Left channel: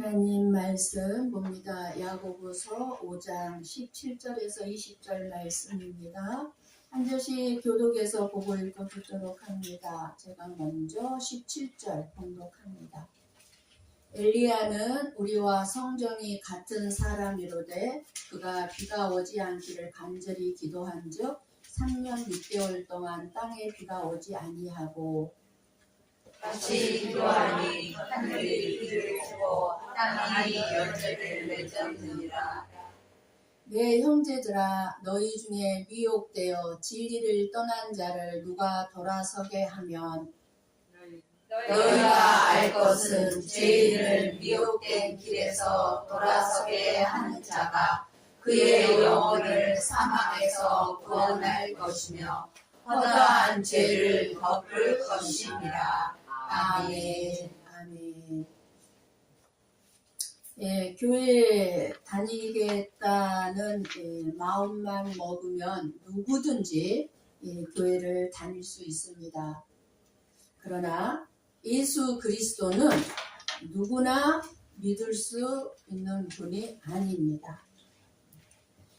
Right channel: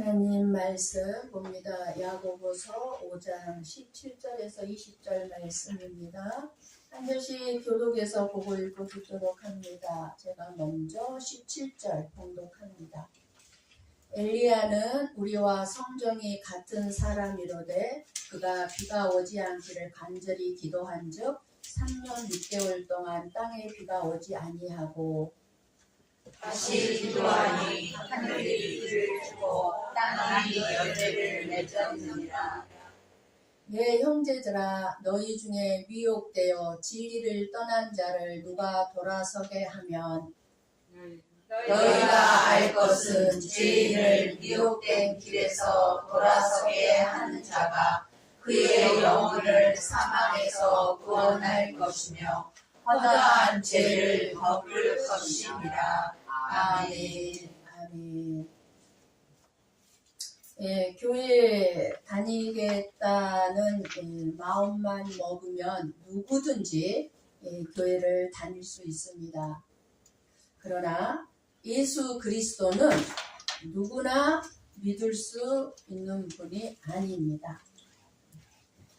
하나님 말씀 봅니다. 야고보서 5장 17절에서 20절 말씀입니다. 한 절씩 교독해서 보고 읽어보도록 합니다. 제가 먼저 17절 봉독합니다. 엘리야는 우리와 성정이 같은 사람이로되 그가 비가 오지 않기를 간절히 기도한즉 3년 6개월 동안 땅에 비가 오지 아니하고 다시 기도하니 하늘이 비를 주고 땅이 열매를 맺었느니라. 내 형제들아, 너희 중에 미혹되어 진리를 떠난 자를 누가 돌아서게 하면 너희가 알 것은 죄인을 미혹된 길에서 돌아서게 하는 자가 그의 영혼을 사망에서 구원할 것이며 허다한 죄를 덮을 것이니라. 아멘. 아멘. 교회 다니겠다는 마음만 먹으면 누구든지 교회를 다닐 수 있습니다. 그러나 예수 그리스도는 누구나 믿을 수 있는 분이 아닙니다.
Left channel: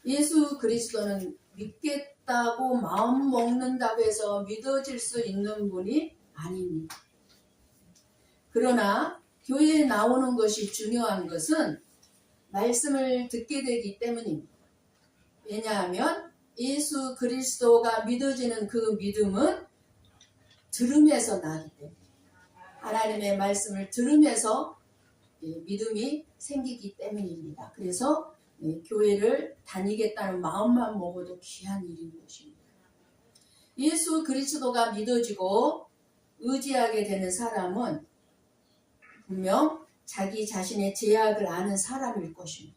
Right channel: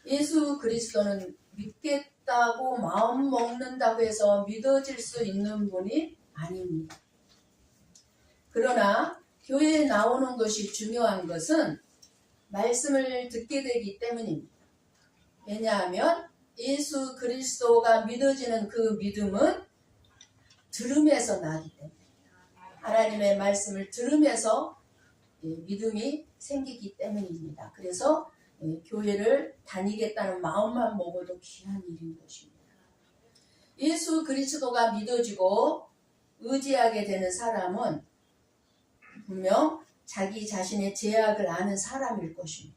예수 그리스도는 믿겠다고 마음 먹는다고 해서 믿어질 수 있는 분이 아닙니다. 그러나 교회에 나오는 것이 중요한 것은 말씀을 듣게 되기 때문입니다. 왜냐하면 예수 그리스도가 믿어지는 그 믿음은 들음에서 나기 때문입니다. 하나님의 말씀을 들으면서 믿음이 생기기 때문입니다. 그래서 교회를 다니겠다는 마음만 먹어도 귀한 일인 것입니다. 예수 그리스도가 믿어지고 의지하게 되는 사람은 분명 자기 자신의 죄악을 아는 사람일 것입니다.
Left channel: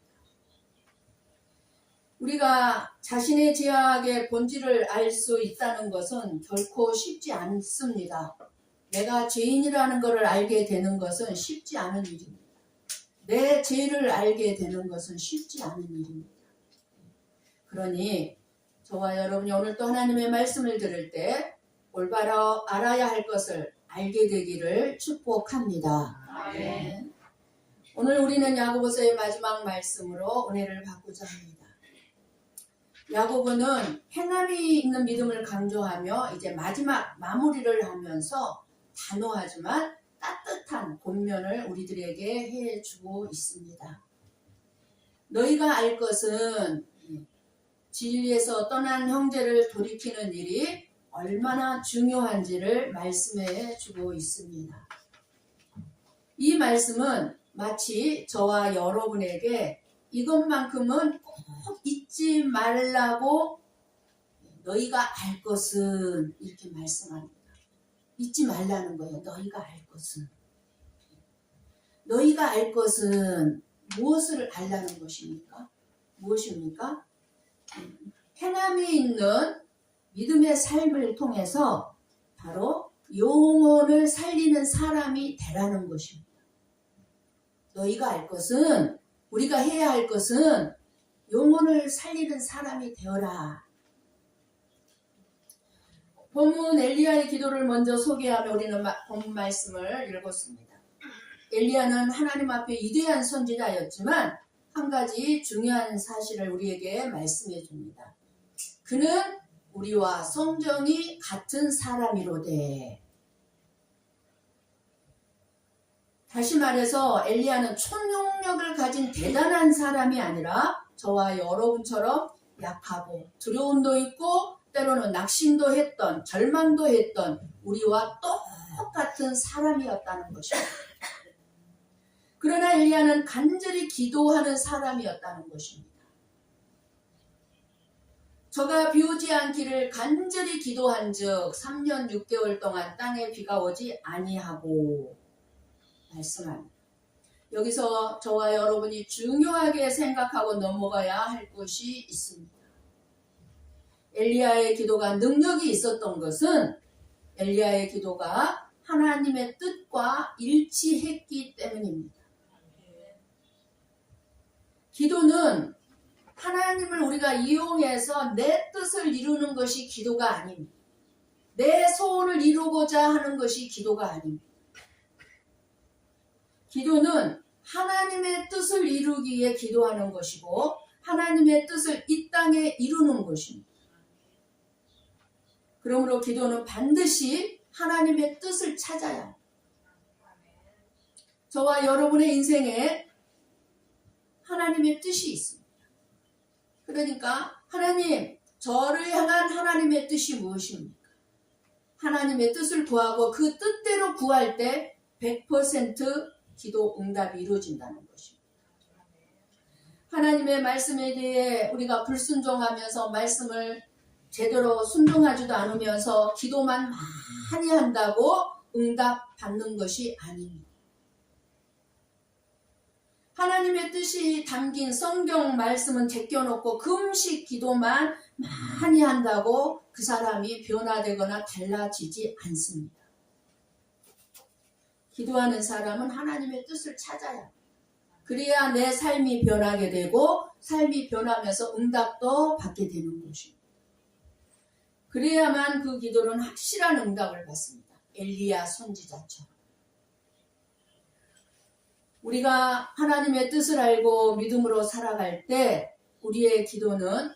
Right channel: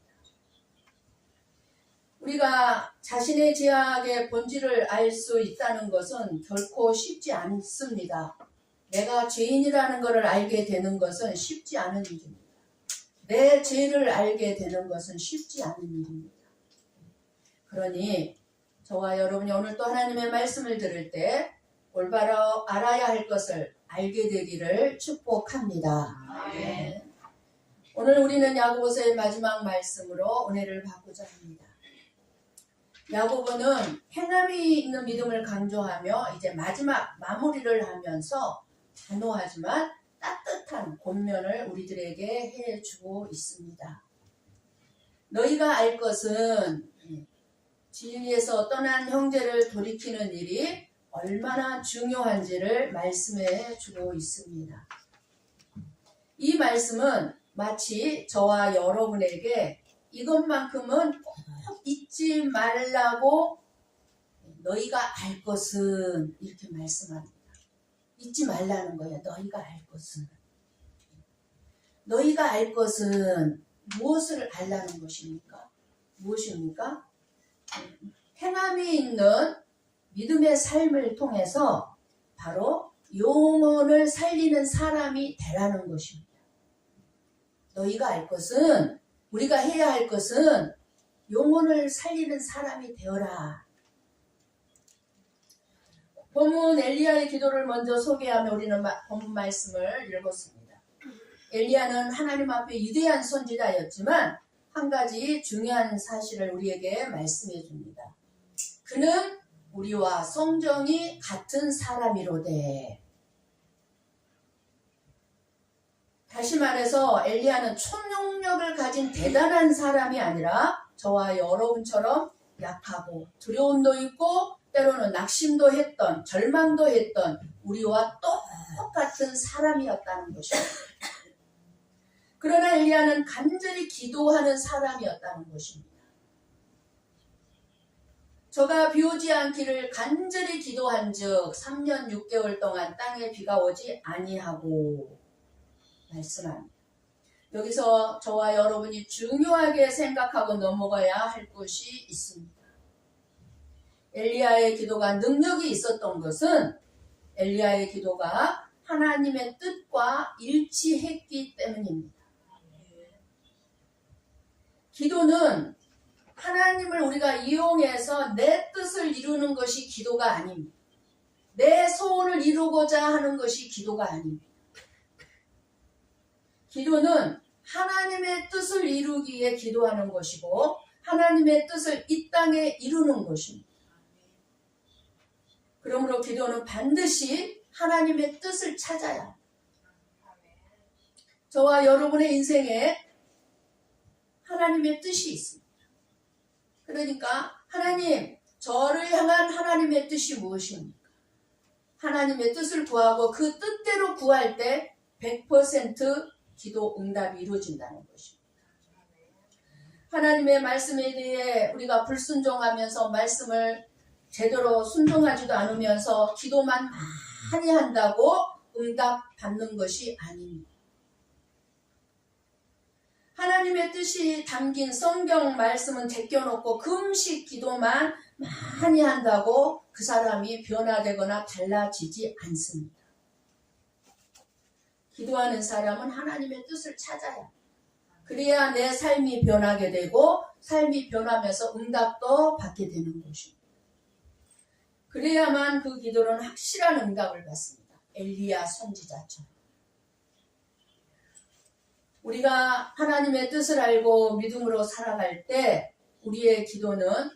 우리가 자신의 죄악의 본질을 알 수 있다는 것은 결코 쉽지 않습니다. 내가 죄인이라는 것을 알게 되는 것은 쉽지 않은 일입니다. 내 죄를 알게 되는 것은 쉽지 않은 일입니다. 그러니 저와 여러분이 오늘 또 하나님의 말씀을 들을 때 올바로 알아야 할 것을 알게 되기를 축복합니다. 아멘. 오늘 우리는 야고보서의 마지막 말씀으로 은혜를 받고자 합니다. 야고보는 행함이 있는 믿음을 강조하며 이제 마지막 마무리를 하면서 단호하지만 따뜻한 권면을 우리들에게 해주고 있습니다. 너희가 알 것은 진리에서 떠난 형제를 돌이키는 일이 얼마나 중요한지를 말씀해 주고 있습니다. 이 말씀은 마치 저와 여러분에게 이것만큼은 꼭 잊지 말라고 너희가 알 것은 이렇게 말씀합니다. 잊지 말라는 거예요. 너희가 알 것은. 너희가 알 것은 무엇을 알라는 것입니까? 무엇입니까? 행함이 있는 믿음의 삶을 통해서 바로 영혼을 살리는 사람이 되라는 것입니다. 너희가 알 것은, 우리가 해야 할 것은 영혼을 살리는 사람이 되어라. 본문 엘리야의 기도를 먼저 소개하며 우리는 본문 말씀을 읽었습니다. 엘리야는 하나님 앞에 위대한 선지자였지만 한 가지 중요한 사실을 우리에게 말씀해 줍니다. 그는 우리와 성정이 같은 사람이로되. 다시 말해서 엘리야는 초능력을 가진 대단한 사람이 아니라 저와 여러분처럼 약하고 두려움도 있고 때로는 낙심도 했던, 절망도 했던 우리와 똑같은 사람이었다는 것입니다. 그러나 엘리야는 간절히 기도하는 사람이었다는 것입니다. 저가 비 오지 않기를 간절히 기도한즉 3년 6개월 동안 땅에 비가 오지 아니하고 말씀합니다. 여기서 저와 여러분이 중요하게 생각하고 넘어가야 할 것이 있습니다. 엘리야의 기도가 능력이 있었던 것은 엘리야의 기도가 하나님의 뜻과 일치했기 때문입니다. 기도는 하나님을 우리가 이용해서 내 뜻을 이루는 것이 기도가 아닙니다. 내 소원을 이루고자 하는 것이 기도가 아닙니다. 기도는 하나님의 뜻을 이루기에 기도하는 것이고 하나님의 뜻을 이 땅에 이루는 것입니다. 그러므로 기도는 반드시 하나님의 뜻을 찾아야 합니다. 저와 여러분의 인생에 하나님의 뜻이 있습니다. 그러니까 하나님, 저를 향한 하나님의 뜻이 무엇입니까? 하나님의 뜻을 구하고 그 뜻대로 구할 때 100% 기도 응답이 이루어진다는 것입니다. 하나님의 말씀에 대해 우리가 불순종하면서 말씀을 제대로 순종하지도 않으면서 기도만 많이 한다고 응답 받는 것이 아닙니다. 하나님의 뜻이 담긴 성경 말씀은 제껴놓고 금식 기도만 많이 한다고 그 사람이 변화되거나 달라지지 않습니다. 기도하는 사람은 하나님의 뜻을 찾아야 합니다. 그래야 내 삶이 변하게 되고 삶이 변하면서 응답도 받게 되는 것입니다. 그래야만 그 기도는 확실한 응답을 받습니다. 엘리야 선지자처럼. 우리가 하나님의 뜻을 알고 믿음으로 살아갈 때 우리의 기도는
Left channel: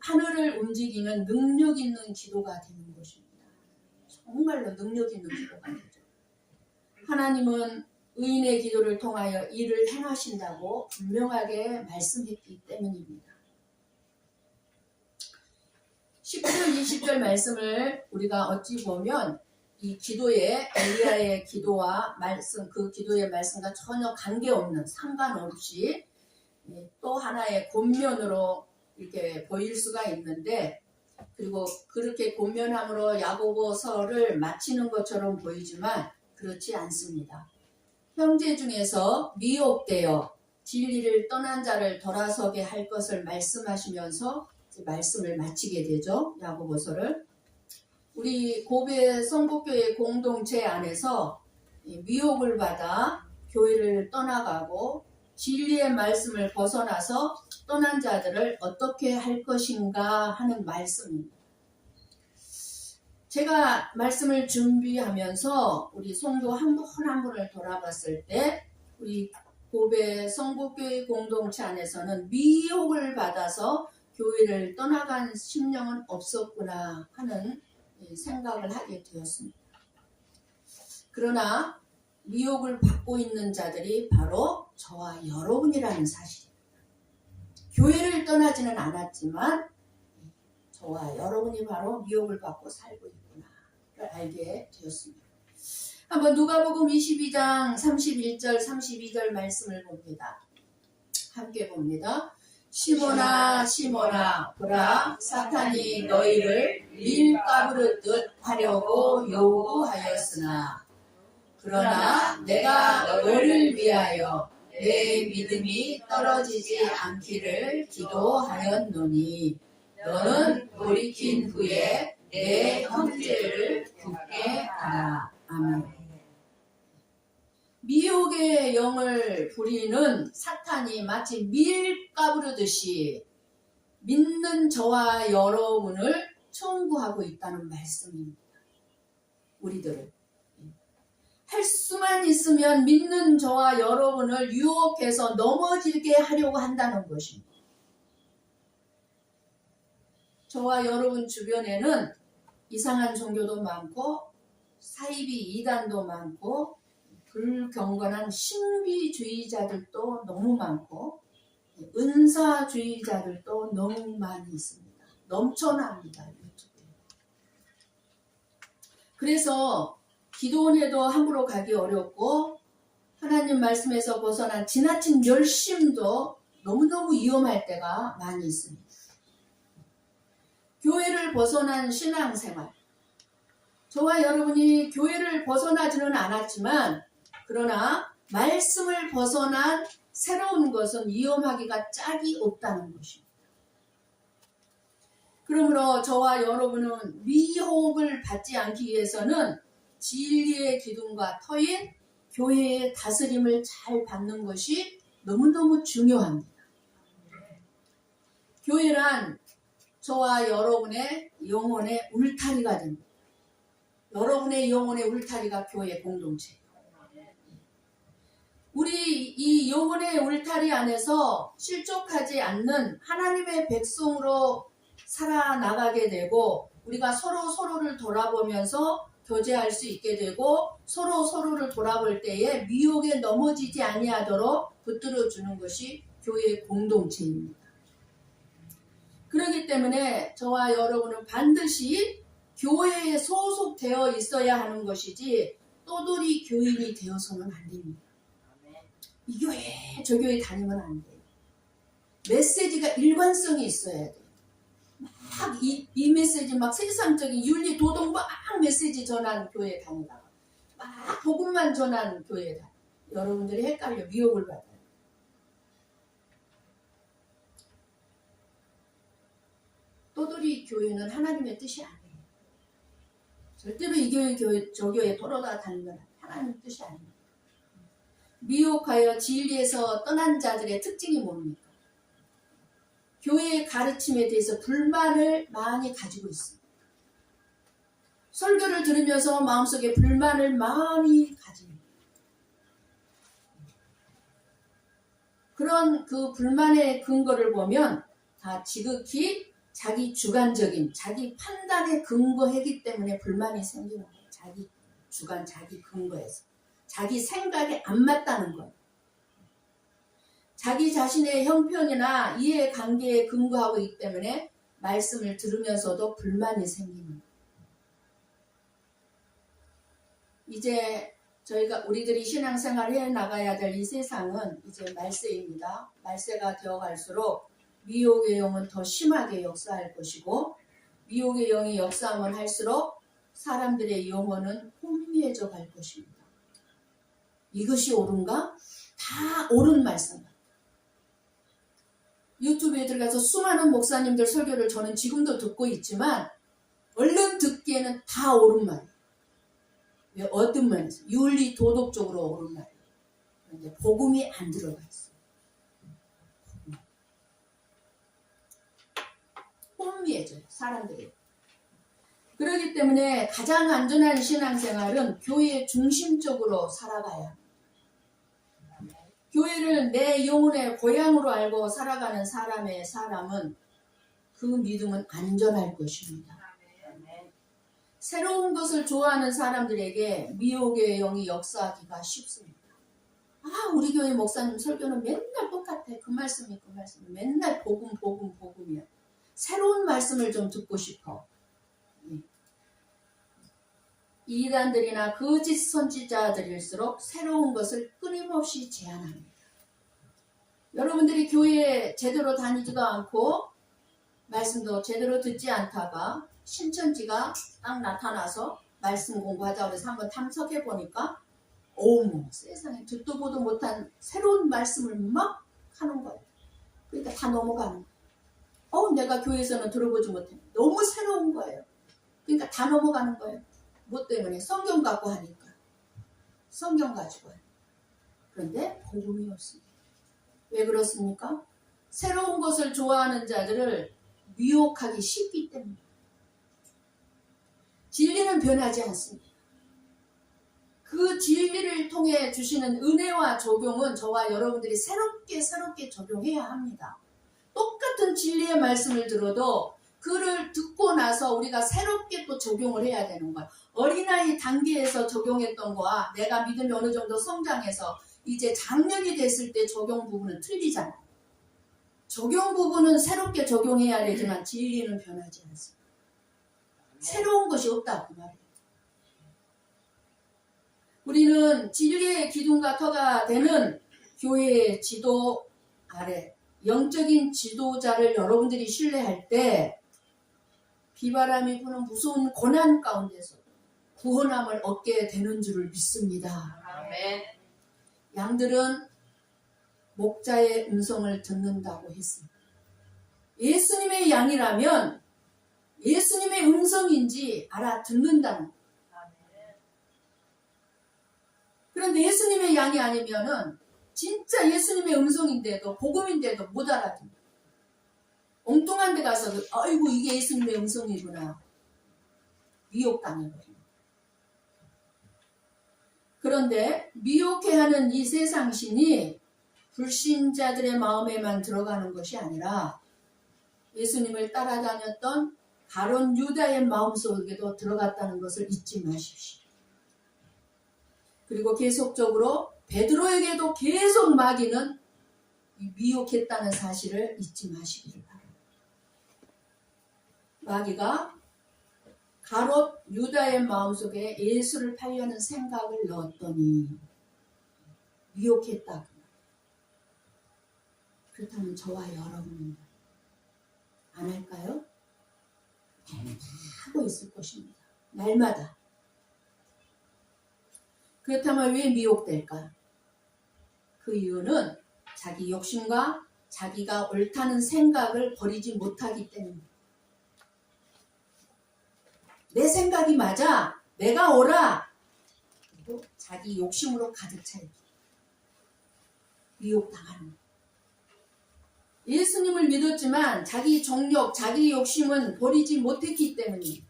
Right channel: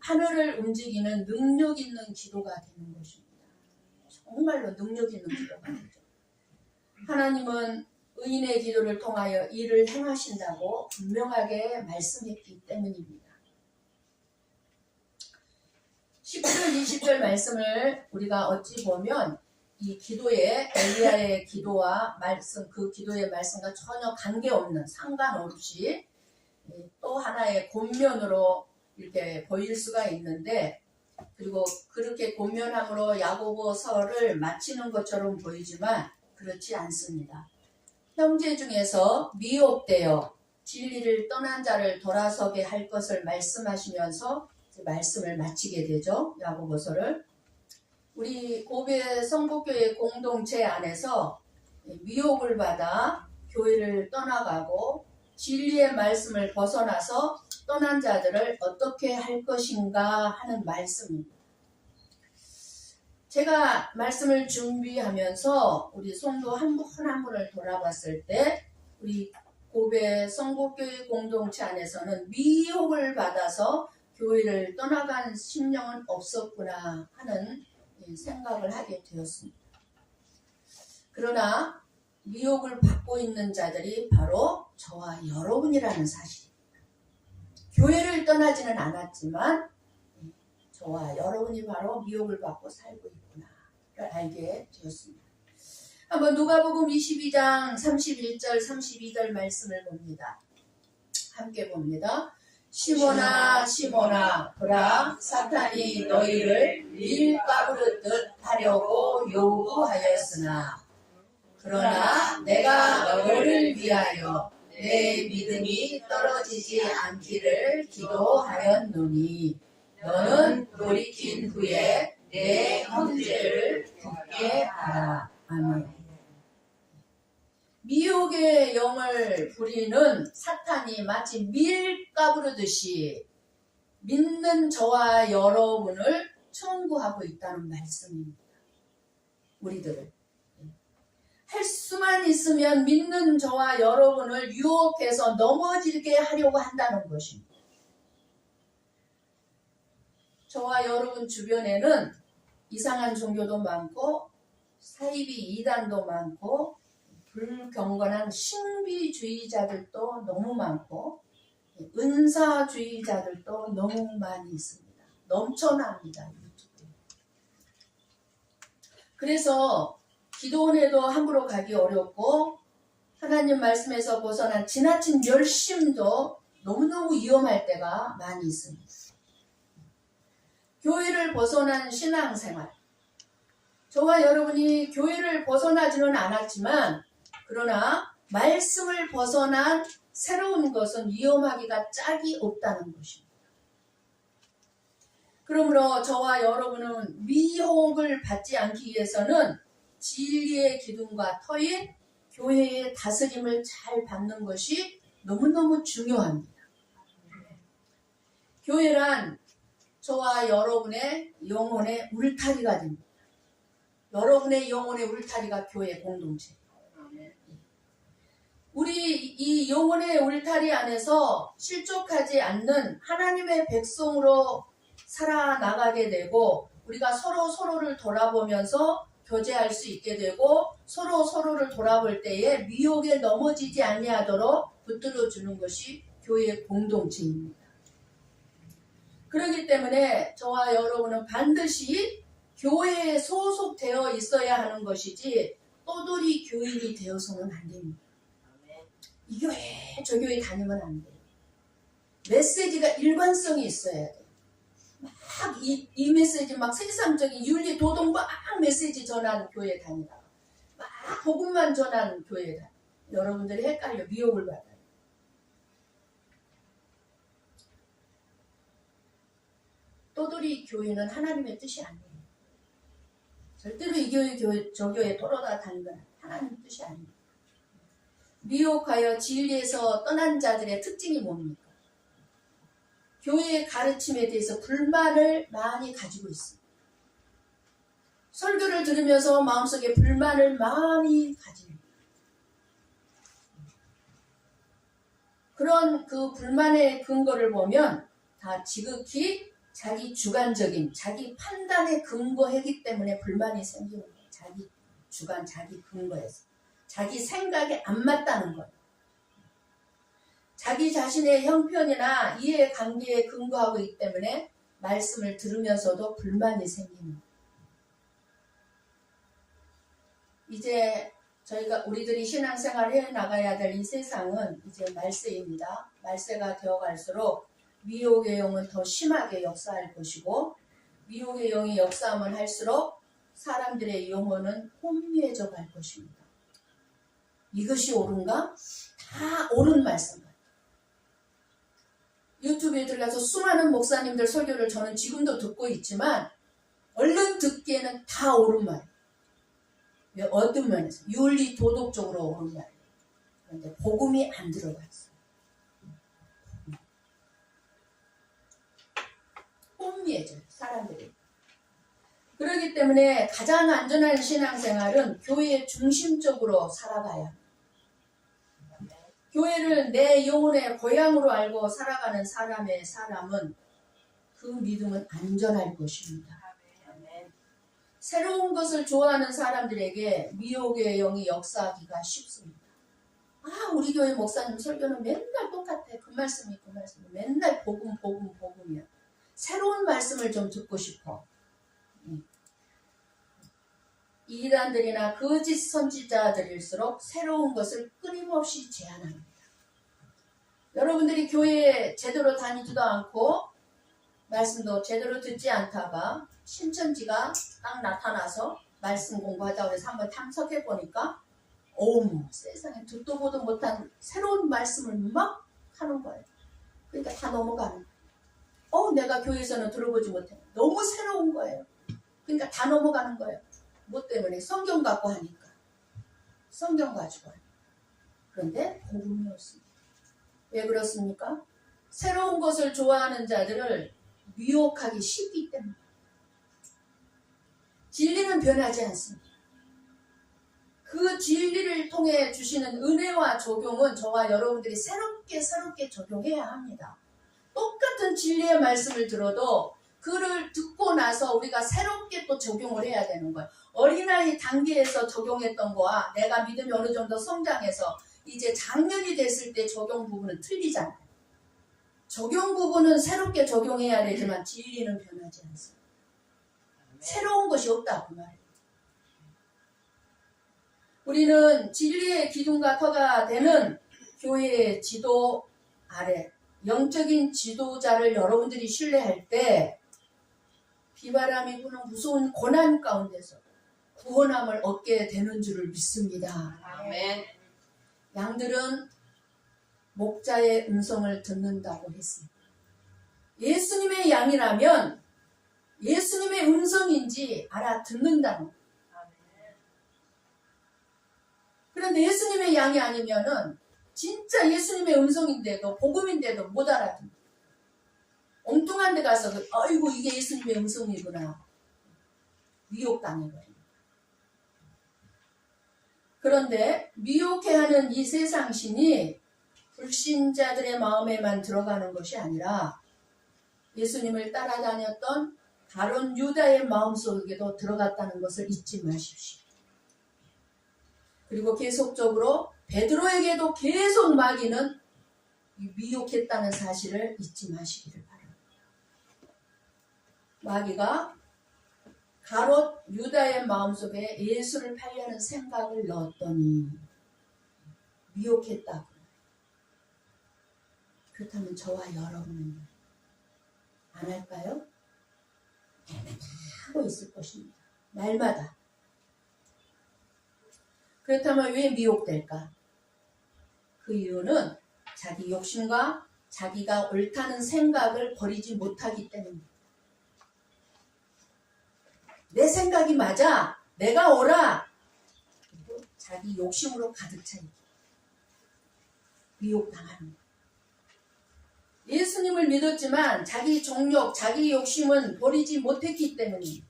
하늘을 움직이는 능력 있는 기도가 되는 것입니다. 정말로 능력 있는 기도가 되죠. 하나님은 의인의 기도를 통하여 일을 행하신다고 분명하게 말씀했기 때문입니다. 10절, 20절 말씀을 우리가 어찌 보면 이 기도의 엘리야의 기도와 말씀, 그 기도의 말씀과 전혀 관계없는 상관없이 또 하나의 권면으로 이렇게 보일 수가 있는데, 그리고 그렇게 권면함으로 야고보서를 마치는 것처럼 보이지만 그렇지 않습니다. 형제 중에서 미혹되어 진리를 떠난 자를 돌아서게 할 것을 말씀하시면서 말씀을 마치게 되죠. 야고보서를. 우리 고베 성북교회 공동체 안에서 미혹을 받아 교회를 떠나가고 진리의 말씀을 벗어나서 떠난 자들을 어떻게 할 것인가 하는 말씀입니다. 제가 말씀을 준비하면서 우리 성도 한 분 한 분을 돌아봤을 때 우리 고베 성북교회 공동체 안에서는 미혹을 받아서 교회를 떠나간 심령은 없었구나 하는 생각을 하게 되었습니다. 그러나 미혹을 받고 있는 자들이 바로 저와 여러분이라는 사실입니다. 교회를 떠나지는 않았지만 저와 여러분이 바로 미혹을 받고 살고 있구나를 알게 되었습니다. 한번 누가복음 22장 31절 32절 말씀을 봅니다. 함께 봅니다. 시몬아 시몬아 보라 사탄이 너희를 밀 까부르듯 하려고 요구하였으나 그러나 내가 너를 위하여 내 믿음이 떨어지지 않기를 기도하였노니 너는 돌이킨 후에 내 형제를 굳게 하라. 아멘. 미혹의 영을 부리는 사탄이 마치 밀 까부르듯이 믿는 저와 여러분을 청구하고 있다는 말씀입니다. 우리들을 할 수만 있으면 믿는 저와 여러분을 유혹해서 넘어지게 하려고 한다는 것입니다. 저와 여러분 주변에는 이상한 종교도 많고 사이비 이단도 많고 불경건한 신비주의자들도 너무 많고 은사주의자들도 너무 많이 있습니다. 넘쳐납니다. 그래서 기도원에도 함부로 가기 어렵고 하나님 말씀에서 벗어난 지나친 열심도 너무너무 위험할 때가 많이 있습니다. 교회를 벗어난 신앙생활, 저와 여러분이 교회를 벗어나지는 않았지만 그러나 말씀을 벗어난 새로운 것은 위험하기가 짝이 없다는 것입니다. 그러므로 저와 여러분은 미혹을 받지 않기 위해서는 진리의 기둥과 터인 교회의 다스림을 잘 받는 것이 너무너무 중요합니다. 교회란 저와 여러분의 영혼의 울타리가 됩니다. 여러분의 영혼의 울타리가 교회 공동체예요. 우리 이 영혼의 울타리 안에서 실족하지 않는 하나님의 백성으로 살아나가게 되고 우리가 서로를 돌아보면서 교제할 수 있게 되고 서로를 돌아볼 때에 미혹에 넘어지지 아니하도록 붙들어 주는 것이 교회의 공동체입니다. 그렇기 때문에 저와 여러분은 반드시 교회에 소속되어 있어야 하는 것이지 떠돌이 교인이 되어서는 안 됩니다. 이 교회 저 교회 다니면 안 돼요. 메시지가 일관성이 있어야 돼요. 막 이 메시지 막 세상적인 윤리 도덕 막 메시지 전한 교회 다니다가 막 복음만 전한 교회 다니. 여러분들이 헷갈려 미혹을 받아요. 떠돌이 교회는 하나님의 뜻이 아니에요. 절대로 이 교회 저 교회 돌아다 다니면 하나님의 뜻이 아닙니다. 미혹하여 진리에서 떠난 자들의 특징이 뭡니까? 교회의 가르침에 대해서 불만을 많이 가지고 있습니다. 설교를 들으면서 마음속에 불만을 많이 가집니다. 그런 그 불만의 근거를 보면 다 지극히 자기 주관적인 자기 판단에 근거하기 때문에 불만이 생기는 거예요. 자기 주관, 자기 근거에서. 자기 생각에 안 맞다는 거예요. 자기 자신의 형편이나 이해관계에 근거하고 있기 때문에 말씀을 들으면서도 불만이 생기는 거예요. 이제 우리들이 신앙생활을 해나가야 될 이 세상은 이제 말세입니다. 말세가 되어갈수록 미혹의 영은 더 심하게 역사할 것이고 미혹의 영이 역사하면 할수록 사람들의 영혼은 혼미해져 갈 것입니다. 이것이 옳은가? 다 옳은 말씀. 유튜브에 들어가서 수많은 목사님들 설교를 저는 지금도 듣고 있지만 얼른 듣기에는 다 옳은 말이에요. 왜? 어떤 면에서? 윤리 도덕적으로 옳은 말이에요. 그런데 복음이 안 들어가 있어요. 혼미해져요. 사람들이. 그렇기 때문에 가장 안전한 신앙생활은 교회 중심적으로 살아가야 합니다. 교회를 내 영혼의 고향으로 알고 살아가는 사람은 그 믿음은 안전할 것입니다. 새로운 것을 좋아하는 사람들에게 미혹의 영이 역사하기가 쉽습니다. 우리 교회 목사님 설교는 맨날 똑같아. 그 말씀이 맨날 복음이야. 새로운 말씀을 좀 듣고 싶어. 이단들이나 거짓 선지자들일수록 새로운 것을 끊임없이 제안합니다. 여러분들이 교회에 제대로 다니지도 않고 말씀도 제대로 듣지 않다가 신천지가 딱 나타나서 말씀 공부하자고 해서 한번 탐색해 보니까 어머 세상에 듣도 보도 못한 새로운 말씀을 막 하는 거예요. 그러니까 다 넘어가는 거예요. 내가 교회에서는 들어보지 못해. 너무 새로운 거예요. 그러니까 다 넘어가는 거예요. 뭐 때문에? 성경 갖고 하니까. 성경 가지고 하니까. 그런데 복음이 없습니다. 왜 그렇습니까? 새로운 것을 좋아하는 자들을 미혹하기 쉽기 때문에. 진리는 변하지 않습니다. 그 진리를 통해 주시는 은혜와 적용은 저와 여러분들이 새롭게 적용해야 합니다. 똑같은 진리의 말씀을 들어도 그를 듣고 나서 우리가 새롭게 또 적용을 해야 되는 거예요. 어린아이 단계에서 적용했던 거와 내가 믿음이 어느 정도 성장해서 이제 장년이 됐을 때 적용 부분은 틀리잖아요. 적용 부분은 새롭게 적용해야 되지만 진리는 변하지 않습니다. 새로운 것이 없다 그 말이에요. 우리는 진리의 기둥과 터가 되는 교회의 지도 아래 영적인 지도자를 여러분들이 신뢰할 때 비바람이 부는 무서운 고난 가운데서 구원함을 얻게 되는 줄을 믿습니다. 아멘. 양들은 목자의 음성을 듣는다고 했습니다. 예수님의 양이라면 예수님의 음성인지 알아듣는다는 거예요. 그런데 예수님의 양이 아니면은 진짜 예수님의 음성인데도 복음인데도 못 알아듣는 엉뚱한 데 가서 아이고 이게 예수님의 음성이구나 미혹당해버립니다. 그런데 미혹해하는 이 세상신이 불신자들의 마음에만 들어가는 것이 아니라 예수님을 따라다녔던 가룟 유다의 마음속에도 들어갔다는 것을 잊지 마십시오. 그리고 계속적으로 베드로에게도 계속 마귀는 미혹했다는 사실을 잊지 마시기를 바랍니다. 마귀가 가롯 유다의 마음속에 예수를 팔려는 생각을 넣었더니 미혹했다. 그렇다면 저와 여러분은 안 할까요? 하고 있을 것입니다. 날마다. 그렇다면 왜 미혹될까? 그 이유는 자기 욕심과 자기가 옳다는 생각을 버리지 못하기 때문입니다. 내 생각이 맞아. 내가 옳아. 그리고 자기 욕심으로 가득 차 있기. 미혹당하는 거예요. 예수님을 믿었지만 자기 정욕, 자기 욕심은 버리지 못했기 때문입니다.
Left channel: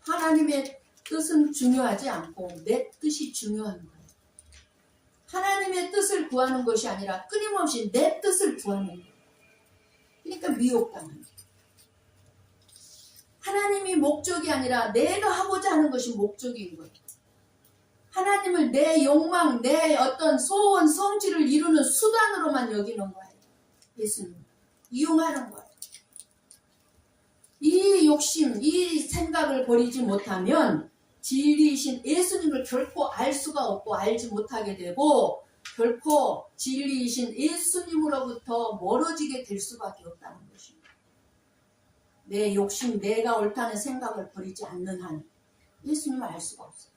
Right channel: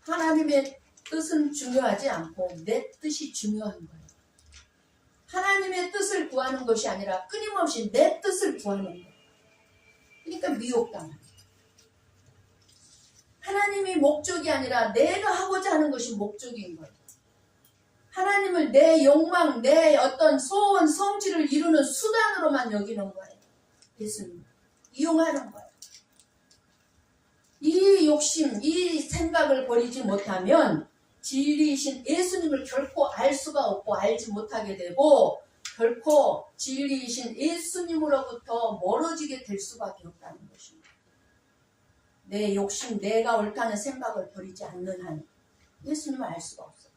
하나님의 뜻은 중요하지 않고 내 뜻이 중요한 거예요. 하나님의 뜻을 구하는 것이 아니라 끊임없이 내 뜻을 구하는 거예요. 그러니까 미혹당하는 거예요. 하나님이 목적이 아니라 내가 하고자 하는 것이 목적인 거예요. 하나님을 내 욕망, 내 어떤 소원, 성취를 이루는 수단으로만 여기는 거예요. 예수님 이용하는 거예요. 이 욕심, 이 생각을 버리지 못하면 진리이신 예수님을 결코 알 수가 없고 알지 못하게 되고 결코 진리이신 예수님으로부터 멀어지게 될 수밖에 없다는 것입니다. 내 욕심, 내가 옳다는 생각을 버리지 않는 한 예수님을 알 수가 없어요.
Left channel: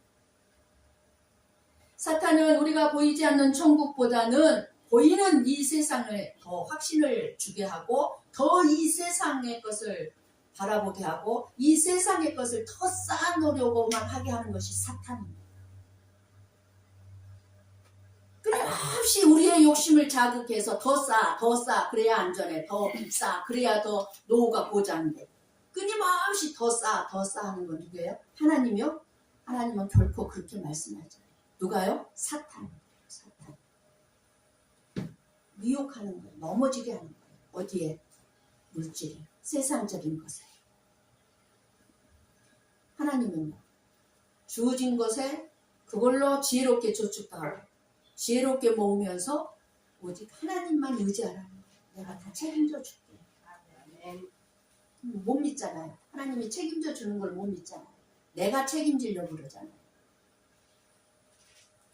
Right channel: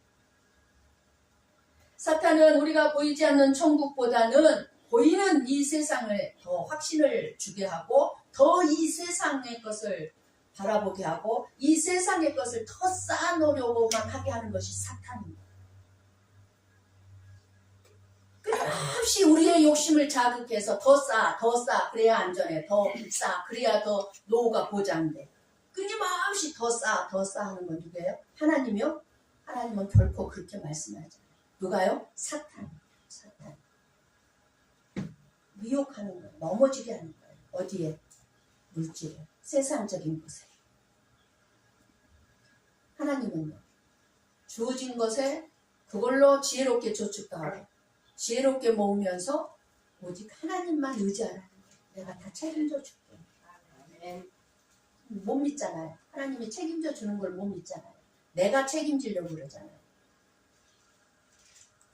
사탄은 우리가 보이지 않는 천국보다는 보이는 이 세상을 더 확신을 주게 하고 더 이 세상의 것을 바라보게 하고 이 세상의 것을 더 쌓아놓으려고만 하게 하는 것이 사탄입니다. 끊임없이 우리의 욕심을 자극해서 더 쌓아 그래야 안전해, 더 쌓아 그래야 더 노후가 보장돼. 끊임없이 더 쌓아 하는 건 누구예요? 하나님이요? 하나님은 결코 그렇게 말씀하지 않아요. 누가요? 사탄. 미혹하는 거예요. 넘어지게 하는 거예요. 어디에? 물질에, 세상적인 것에. 하나님은요, 주어진 것에 그걸로 지혜롭게 저축하고 지혜롭게 모으면서 오직 하나님만 의지하라는 거예요. 내가 다 책임져 줄게. 못 믿잖아요. 하나님이 책임져 주는 걸 못 믿잖아요. 내가 책임지려고 그러잖아요.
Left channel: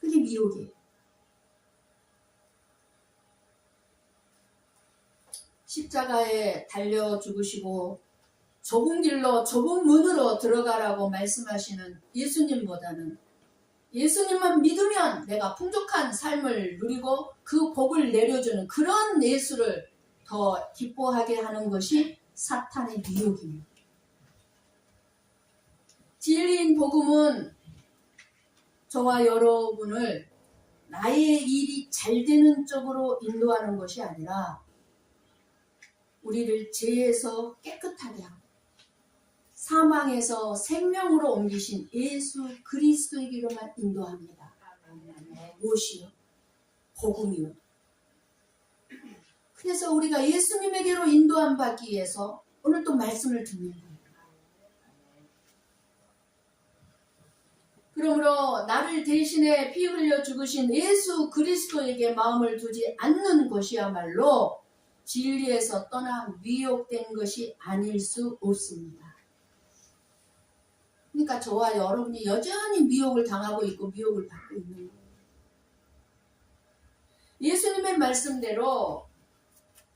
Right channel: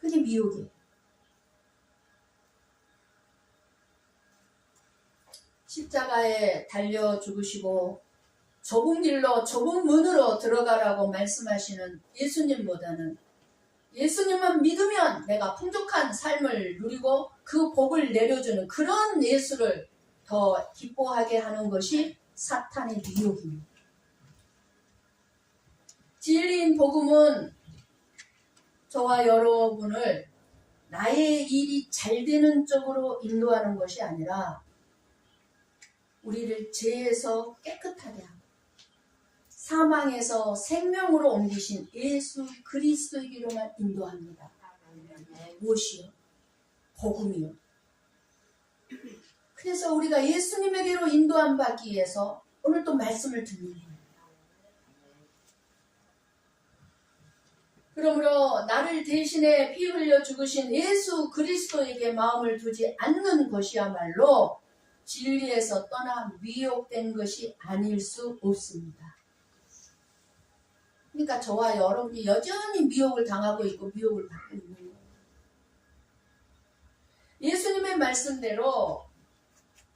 그게 미혹이에요. 십자가에 달려 죽으시고 좁은 길로 좁은 문으로 들어가라고 말씀하시는 예수님보다는 예수님만 믿으면 내가 풍족한 삶을 누리고 그 복을 내려주는 그런 예수를 더 기뻐하게 하는 것이 사탄의 미혹입니다. 진리인 복음은 저와 여러분을 나의 일이 잘 되는 쪽으로 인도하는 것이 아니라 우리를 죄에서 깨끗하게 하고 사망에서 생명으로 옮기신 예수 그리스도에게로만 인도합니다. 무엇이요? 복음이요. 그래서 우리가 예수님에게로 인도함 받기 위해서 오늘 또 말씀을 듣는 거예요. 그러므로 나를 대신에 피 흘려 죽으신 예수 그리스도에게 마음을 두지 않는 것이야말로 진리에서 떠나 미혹된 것이 아닐 수 없습니다. 그러니까 저와 여러분이 여전히 미혹을 당하고 있고 미혹을 받고 있는 거예요. 예수님의 말씀대로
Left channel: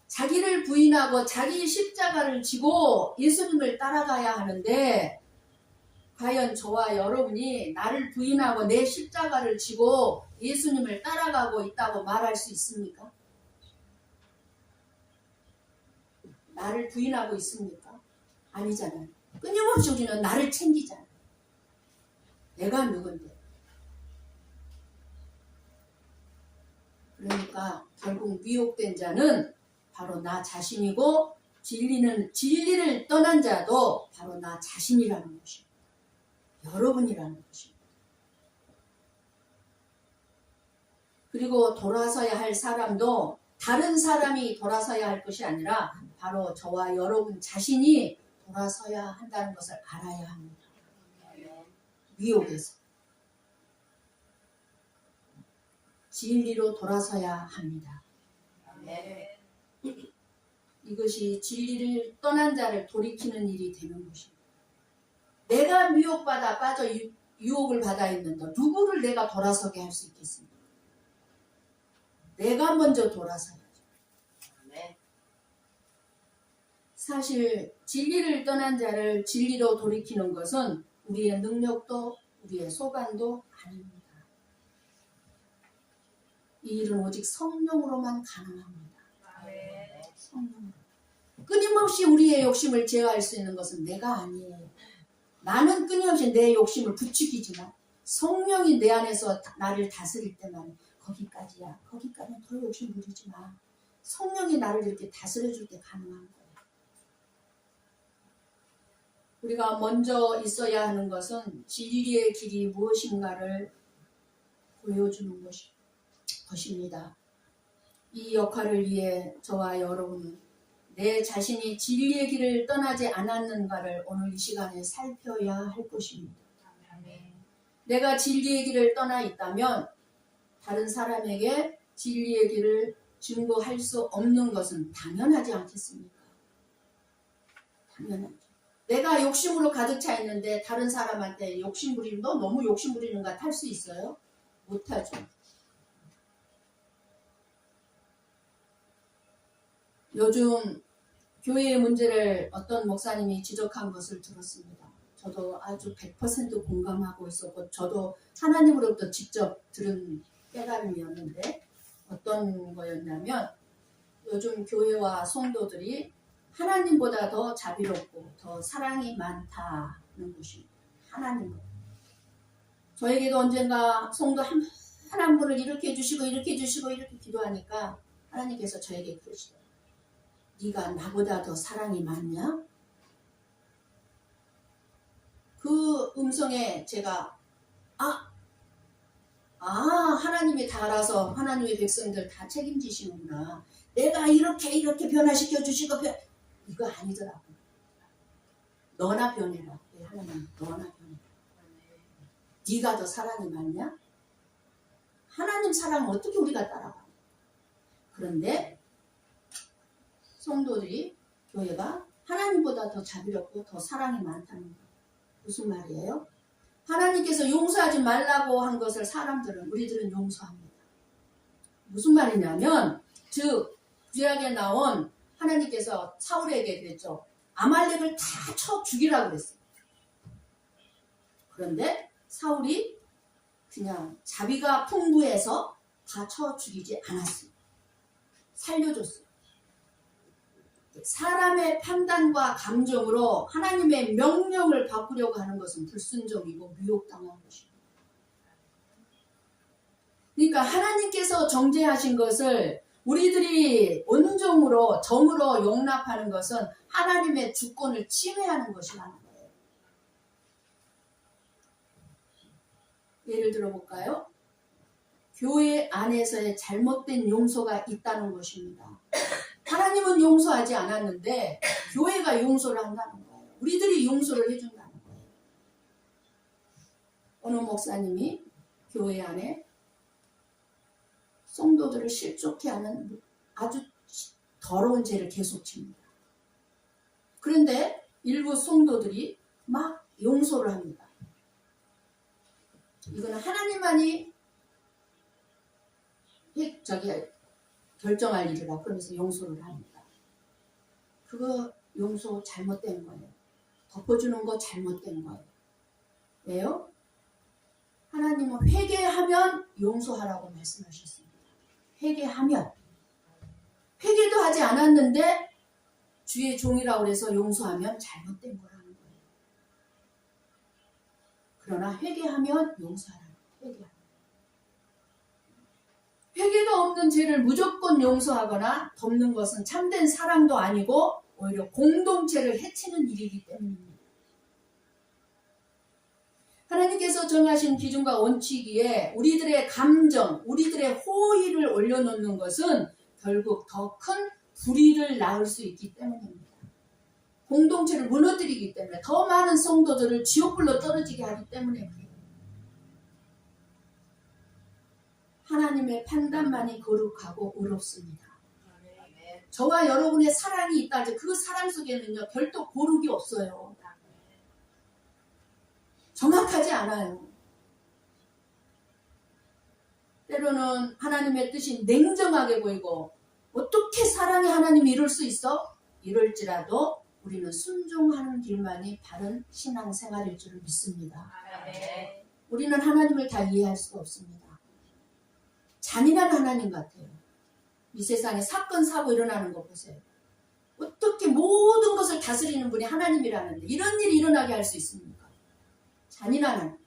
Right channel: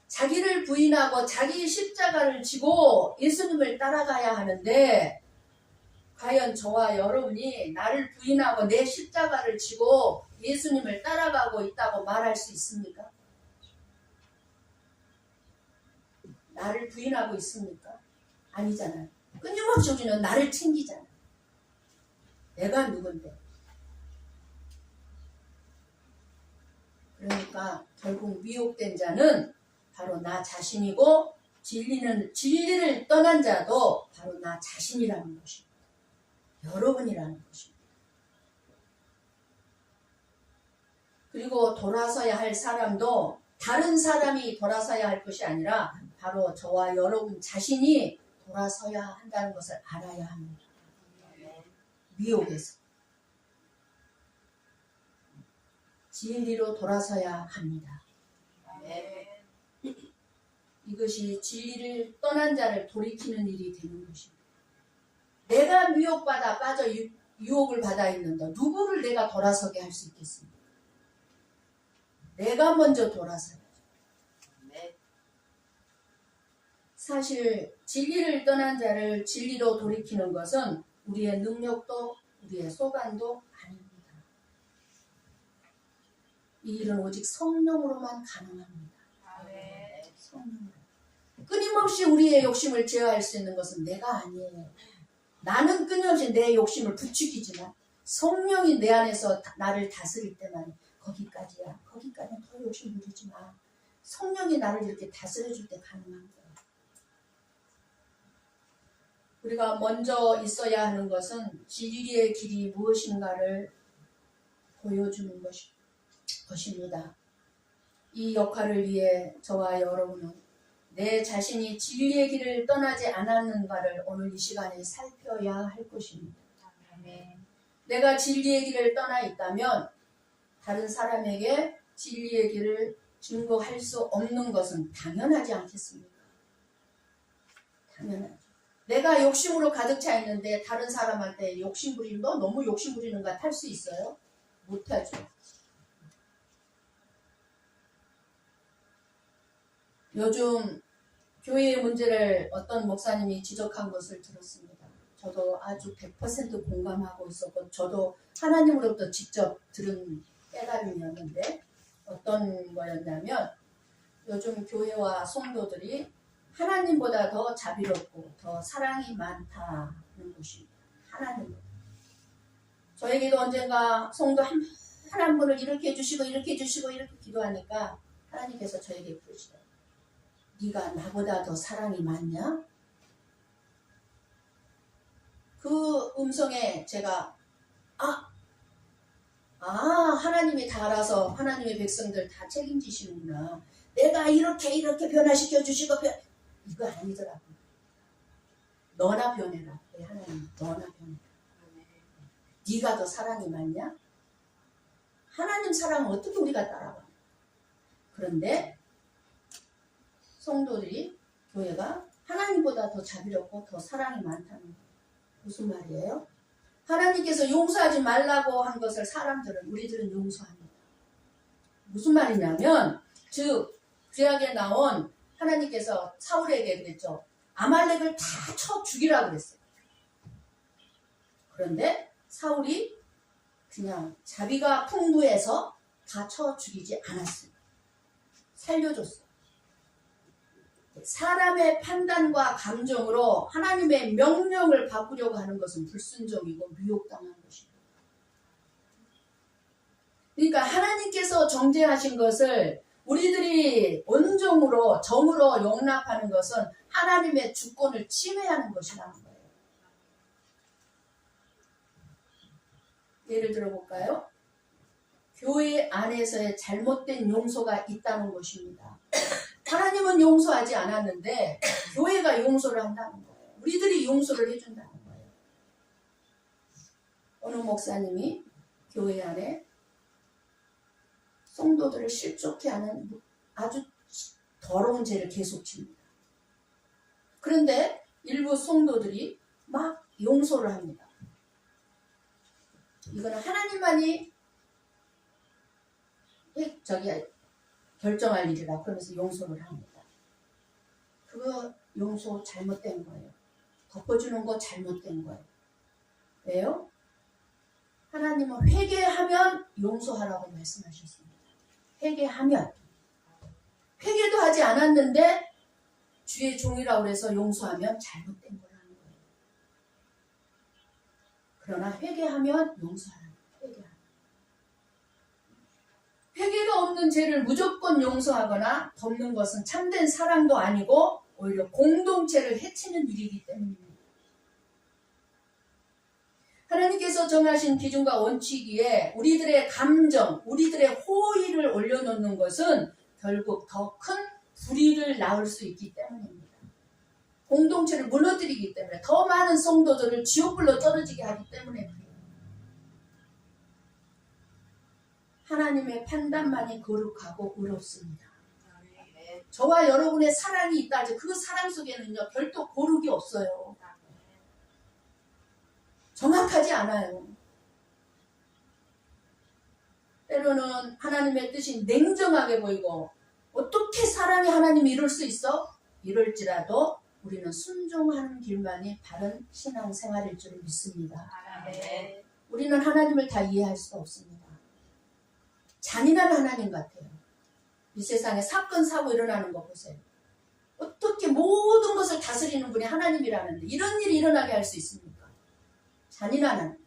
자기를 부인하고 자기 십자가를 지고 예수님을 따라가야 하는데 과연 저와 여러분이 나를 부인하고 내 십자가를 지고 예수님을 따라가고 있다고 말할 수 있습니까? 나를 부인하고 있습니까? 아니잖아요. 끊임없이 우리는 나를 챙기잖아요. 내가 누군데. 그러니까 결국 미혹된 자는 바로 나 자신이고 진리를 떠난 자도 바로 나 자신이라는 것입니다. 여러분이라는 것입니다. 그리고 돌아서야 할 사람도 다른 사람이 돌아서야 할 것이 아니라 바로 저와 여러분 자신이 돌아서야 한다는 것을 알아야 합니다. 미혹에서 진리로 돌아서야 합니다. 이것이 진리를 떠난 자를 돌이키는 일이 되는 것입니다. 내가 미혹받아 빠져 유혹을 받아 있는데 누구를 내가 돌아서게 할 수 있겠습니까? 내가 먼저 돌아서야죠. 사실 진리를 떠난 자를 진리로 돌이키는 것은 우리의 능력도 우리의 소관도 아닙니다. 이 일은 오직 성령으로만 가능합니다. 성령으로. 끊임없이 우리의 욕심을 제어할 수 있는 것은 내가 아니에요. 나는 끊임없이 내 욕심을 부추기지만 성령이 내 안에서 나를 다스릴 때만 거기까지야. 거기까지는 더 욕심 부리지 마. 성령이 나를 이렇게 다스려줄 때 가능한 거예요. 우리가 먼저 있어야 하는 것은 진리의 길이 무엇인가를 보여주는 것입니다. 이 역할을 위해 저와 여러분은 내 자신이 진리의 길을 떠나지 않았는가를 오늘 이 시간에 살펴야 할 것입니다. 내가 진리의 길을 떠나 있다면 다른 사람에게 진리의 길을 증거할 수 없는 것은 당연하지 않겠습니까? 당연하죠. 내가 욕심으로 가득 차 있는데 다른 사람한테 욕심 부리는 너 너무 욕심 부리는 것 할 수 있어요? 못하죠. 요즘 교회의 문제를 어떤 목사님이 지적한 것을 들었습니다. 저도 아주 100% 공감하고 있었고 저도 하나님으로부터 직접 들은 깨달음이었는데 어떤 거였냐면 요즘 교회와 성도들이 하나님보다 더 자비롭고 더 사랑이 많다는 것입니다. 하나님보다. 저에게도 언젠가 성도 한 분을 이렇게 해주시고 이렇게 해주시고 이렇게 기도하니까 하나님께서 저에게 그러시더라고요. 네가 나보다 더 사랑이 많냐? 그 음성에 제가 하나님이 다 알아서 하나님의 백성들 다 책임지시는구나. 내가 이렇게 변화시켜 주시고 이거 아니더라고요. 너나 변해라. 하나님 너나 변해라. 네가 더 사랑이 많냐? 하나님 사랑은 어떻게 우리가 따라가? 그런데 성도들이 교회가 하나님보다 더 자비롭고 더 사랑이 많다는 거예요. 무슨 말이에요? 하나님께서 용서하지 말라고 한 것을 우리들은 용서합니다. 무슨 말이냐면 즉 구약에 나온 하나님께서 사울에게 그랬죠. 아말렉을 다 쳐 죽이라고 그랬어요. 그런데 사울이 그냥 자비가 풍부해서 다 쳐 죽이지 않았어요. 살려줬어요. 사람의 판단과 감정으로 하나님의 명령을 바꾸려고 하는 것은 불순종이고 미혹당한 것입니다. 그러니까 하나님께서 정죄하신 것을 우리들이 온종으로 정으로 용납하는 것은 하나님의 주권을 침해하는 것이라는 거예요. 예를 들어볼까요? 교회 안에서의 잘못된 용서가 있다는 것입니다. 하나님은 용서하지 않았는데 교회가 용서를 한다는 거예요. 우리들이 용서를 해준다는 거예요. 어느 목사님이 교회 안에 성도들을 실족해 하는 아주 더러운 죄를 계속 집니다. 그런데 일부 성도들이 막 용서를 합니다. 이거는 하나님만이 결정할 일이라 그러면서 용서를 합니다. 그거 용서 잘못된 거예요. 덮어주는 거 잘못된 거예요. 왜요? 하나님은 회개하면 용서하라고 말씀하셨습니다. 회개하면. 회개도 하지 않았는데 주의 종이라고 해서 용서하면 잘못된 거라는 거예요. 그러나 회개하면 용서하라는 거예요. 회개가 없는 죄를 무조건 용서하거나 덮는 것은 참된 사랑도 아니고 오히려 공동체를 해치는 일이기 때문입니다. 하나님께서 정하신 기준과 원칙위에 우리들의 감정, 우리들의 호의를 올려놓는 것은 결국 더 큰 불의를 낳을 수 있기 때문입니다. 공동체를 무너뜨리기 때문에, 더 많은 성도들을 지옥불로 떨어지게 하기 때문에 그래요. 하나님의 판단만이 거룩하고 의롭습니다. 저와 여러분의 사랑이 있다. 그 사랑 속에는요, 별도 고르기 없어요. 정확하지 않아요. 때로는 하나님의 뜻이 냉정하게 보이고, 어떻게 사랑이 하나님이 이룰 수 있어? 이럴지라도 우리는 순종하는 길만이 바른 신앙생활일 줄을 믿습니다. 우리는 하나님을 다 이해할 수가 없습니다. 잔인한 하나님 같아요. 이 세상에 사건 사고 일어나는 거 보세요. 어떻게 모든 것을 다스리는 분이 하나님이라는데 이런 일이 일어나게 할 수 있습니까? 잔인한 하나님.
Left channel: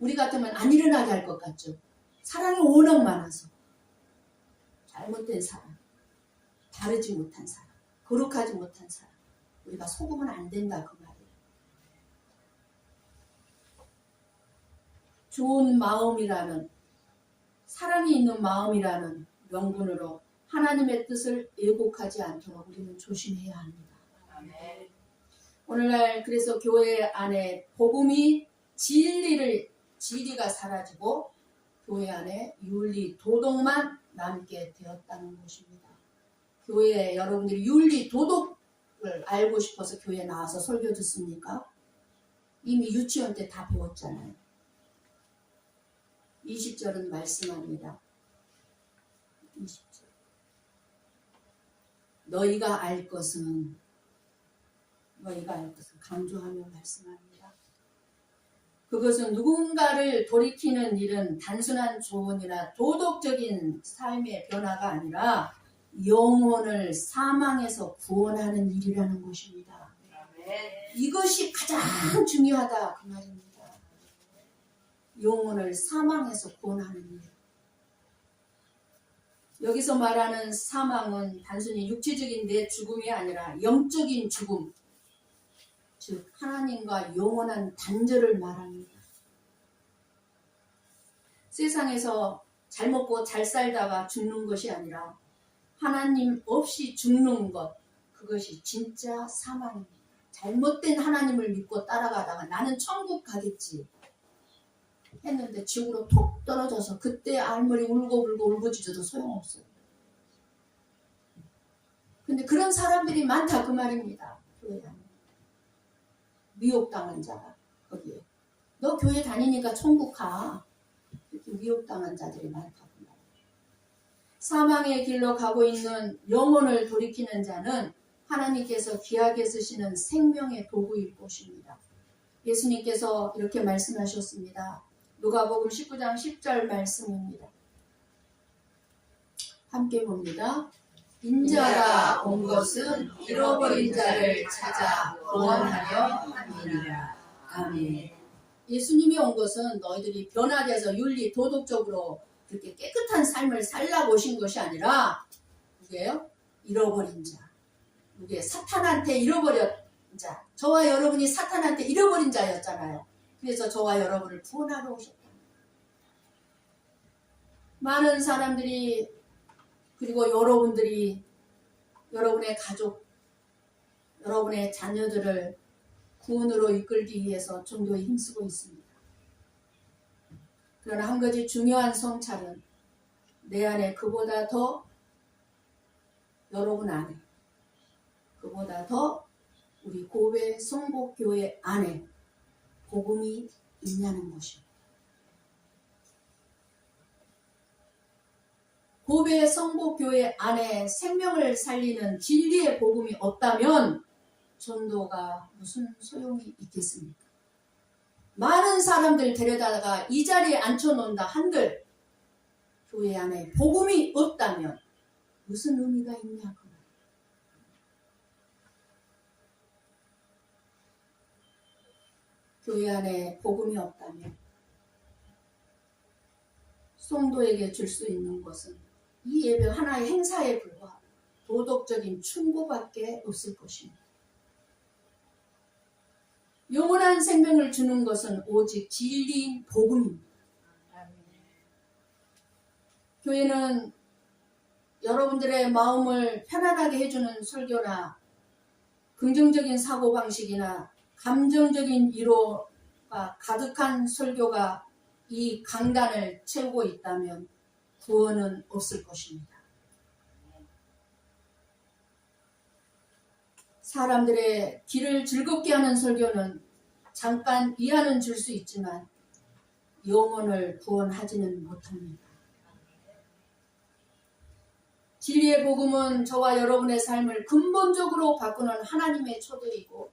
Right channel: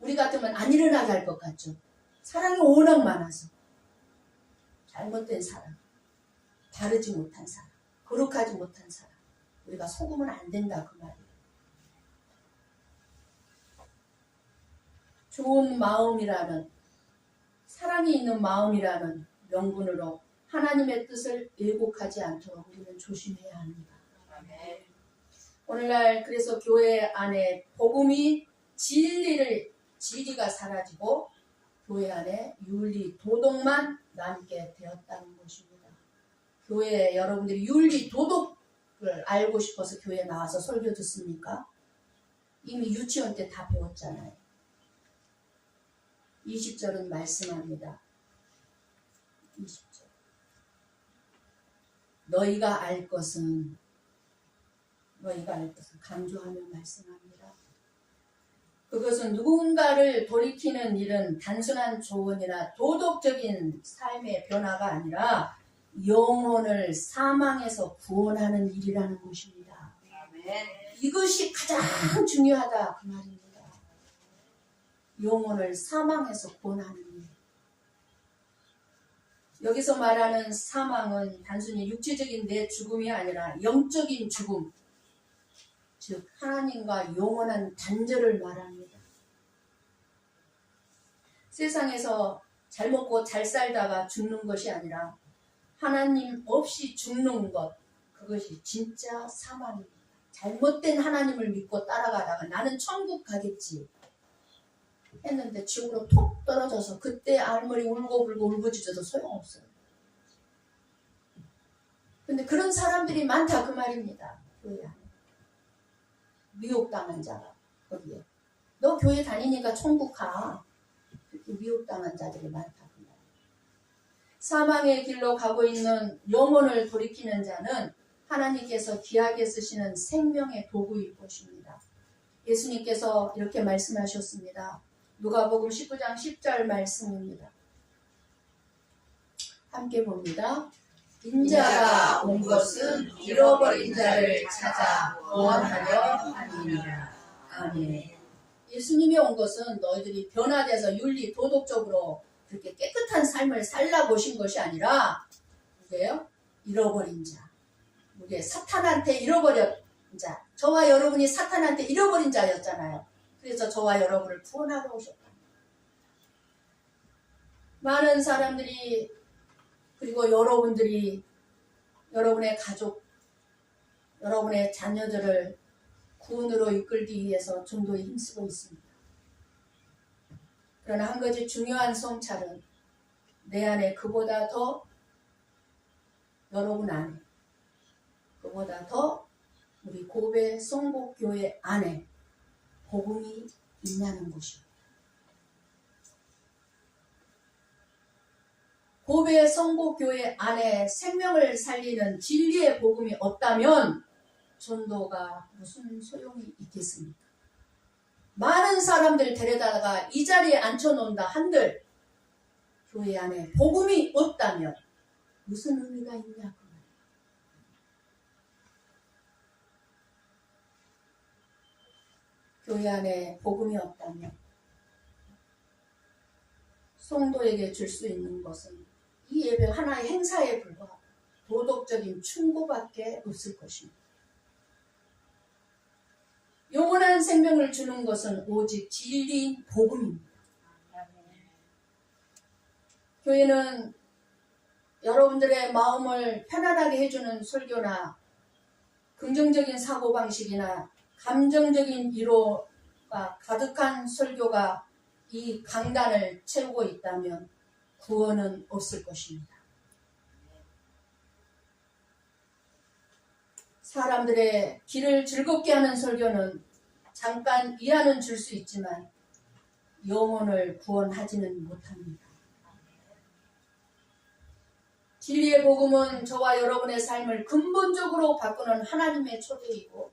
우리 같으면 안 일어나게 할 것 같죠. 사랑이 워낙 많아서. 잘못된 사랑, 바르지 못한 사랑, 거룩하지 못한 사랑. 우리가 속으면 안 된다 그 말이에요. 좋은 마음이라는, 사랑이 있는 마음이라는 명분으로 하나님의 뜻을 왜곡하지 않도록 우리는 조심해야 합니다. 오늘날 그래서 교회 안에 복음이 진리가 사라지고 교회 안에 윤리, 도덕만 남게 되었다는 것입니다. 교회에 여러분들이 윤리, 도덕을 알고 싶어서 교회에 나와서 설교 듣습니까? 이미 유치원 때 다 배웠잖아요. 20절은 말씀합니다. 20절. 너희가 알 것은 강조하며 말씀합니다. 그것은 누군가를 돌이키는 일은 단순한 조언이나 도덕적인 삶의 변화가 아니라 영혼을 사망에서 구원하는 일이라는 것입니다. 이것이 가장 중요하다 그 말입니다. 영혼을 사망에서 구원하는 일. 여기서 말하는 사망은 단순히 육체적인 내 죽음이 아니라 영적인 죽음, 즉 하나님과 영원한 단절을 말합니다. 세상에서 잘 먹고 잘 살다가 죽는 것이 아니라 하나님 없이 죽는 것, 그것이 진짜 사망입니다. 잘못된 하나님을 믿고 따라가다가 나는 천국 가겠지 했는데 지옥으로 톡 떨어져서 그때 알머리 울고불고 울부짖어도 소용없어요. 근데 그런 사람들이 많다 그 말입니다. 교회 안에. 미혹당한 자가 거기에. 너 교회 다니니까 천국 가. 이렇게 미혹당한 자들이 많다 그 말이에요. 사망의 길로 가고 있는 영혼을 돌이키는 자는 하나님께서 귀하게 쓰시는 생명의 도구일 것입니다. 예수님께서 이렇게 말씀하셨습니다. 누가복음 19장 10절 말씀입니다. 함께 봅니다. 인자가 온 것은 잃어버린 자를 찾아 구원하려 함이니라. 아멘. 예수님이 온 것은 너희들이 변화돼서 윤리, 도덕적으로 이렇게 깨끗한 삶을 살라고 오신 것이 아니라 누구예요? 잃어버린 자. 누구예요? 사탄한테 잃어버린 자. 저와 여러분이 사탄한테 잃어버린 자였잖아요. 그래서 저와 여러분을 구원하러 오셨다. 많은 사람들이 그리고 여러분들이 여러분의 가족, 여러분의 자녀들을 구원으로 이끌기 위해서 전도에 힘쓰고 있습니다. 그러나 한 가지 중요한 성찰은 내 안에 그보다 더 여러분 안에 그보다 더 우리 고베 성복교회 안에 복음이 있냐는 것입니다. 고베 성복교회 안에 생명을 살리는 진리의 복음이 없다면 전도가 무슨 소용이 있겠습니까? 많은 사람들 데려다가 이 자리에 앉혀놓는다 한들 교회 안에 복음이 없다면 무슨 의미가 있냐 그 말이에요. 교회 안에 복음이 없다면 성도에게 줄 수 있는 것은 이 예배 하나의 행사에 불과하고 도덕적인 충고밖에 없을 것입니다. 영원한 생명을 주는 것은 오직 진리인 복음입니다. 교회는 여러분들의 마음을 편안하게 해주는 설교나 긍정적인 사고방식이나 감정적인 위로가 가득한 설교가 이 강단을 채우고 있다면 구원은 없을 것입니다. 사람들의 길을 즐겁게 하는 설교는 잠깐 위안은 줄 수 있지만 영혼을 구원하지는 못합니다. 진리의 복음은 저와 여러분의 삶을 근본적으로 바꾸는 하나님의 초대이고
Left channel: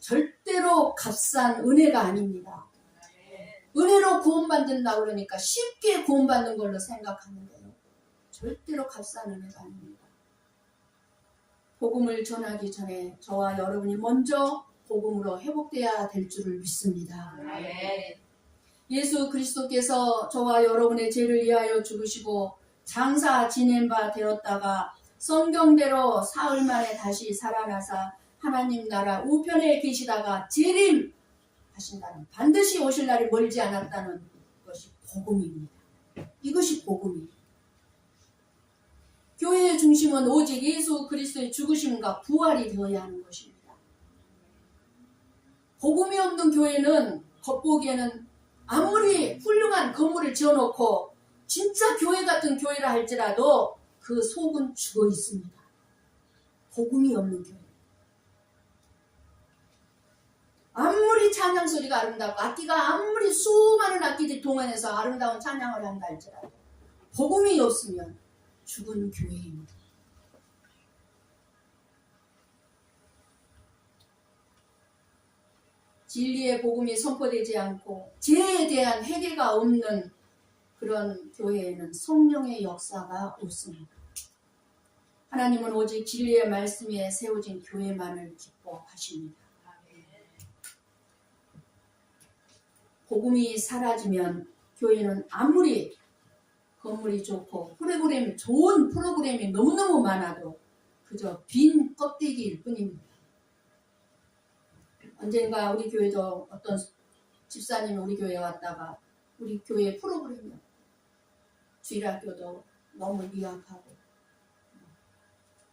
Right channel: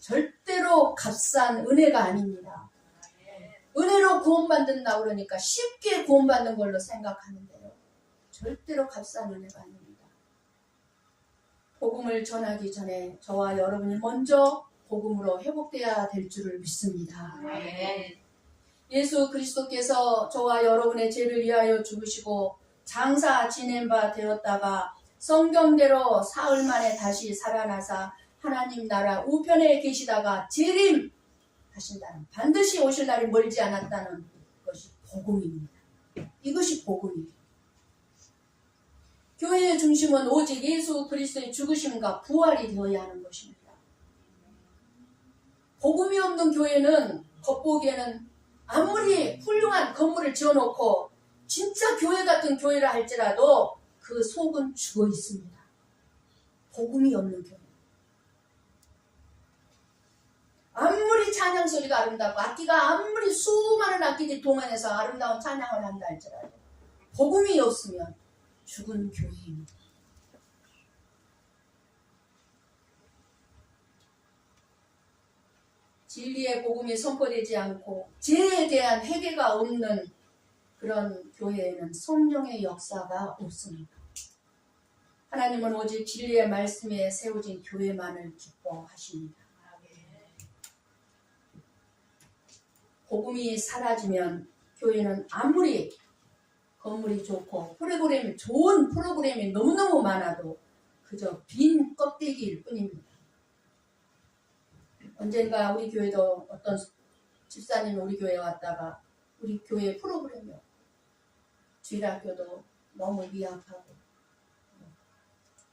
절대로 값싼 은혜가 아닙니다. 은혜로 구원받는다 그러니까 쉽게 구원받는 걸로 생각하는데요. 절대로 값싼 은혜가 아닙니다. 복음을 전하기 전에 저와 여러분이 먼저 복음으로 회복되어야 될 줄을 믿습니다. 예수 그리스도께서 저와 여러분의 죄를 위하여 죽으시고 장사 지낸 바 되었다가 성경대로 사흘 만에 다시 살아나사 하나님 나라 우편에 계시다가 재림하신다는, 반드시 오실 날이 멀지 않았다는 것이 복음입니다. 이것이 복음이에요. 교회의 중심은 오직 예수 그리스도의 죽으심과 부활이 되어야 하는 것입니다. 복음이 없는 교회는 겉보기에는 아무리 훌륭한 건물을 지어놓고 진짜 교회 같은 교회라 할지라도 그 속은 죽어 있습니다. 복음이 없는 교회. 아무리 찬양 소리가 아름답고 악기가 아무리 수많은 악기들이 동원해서 아름다운 찬양을 한다 할지라도 복음이 없으면 죽은 교회입니다. 진리의 복음이 선포되지 않고 죄에 대한 회개가 없는 그런 교회에는 성령의 역사가 없습니다. 하나님은 오직 진리의 말씀에 세워진 교회만을 기뻐하십니다. 복음이 사라지면 교회는 아무리 건물이 좋고 좋은 프로그램이 너무너무 많아도 그저 빈 껍데기일 뿐입니다. 언젠가 우리 교회도 어떤 집사님이 우리 교회에 왔다가 우리 교회 프로그램이요. 주일학교도 너무 미약하고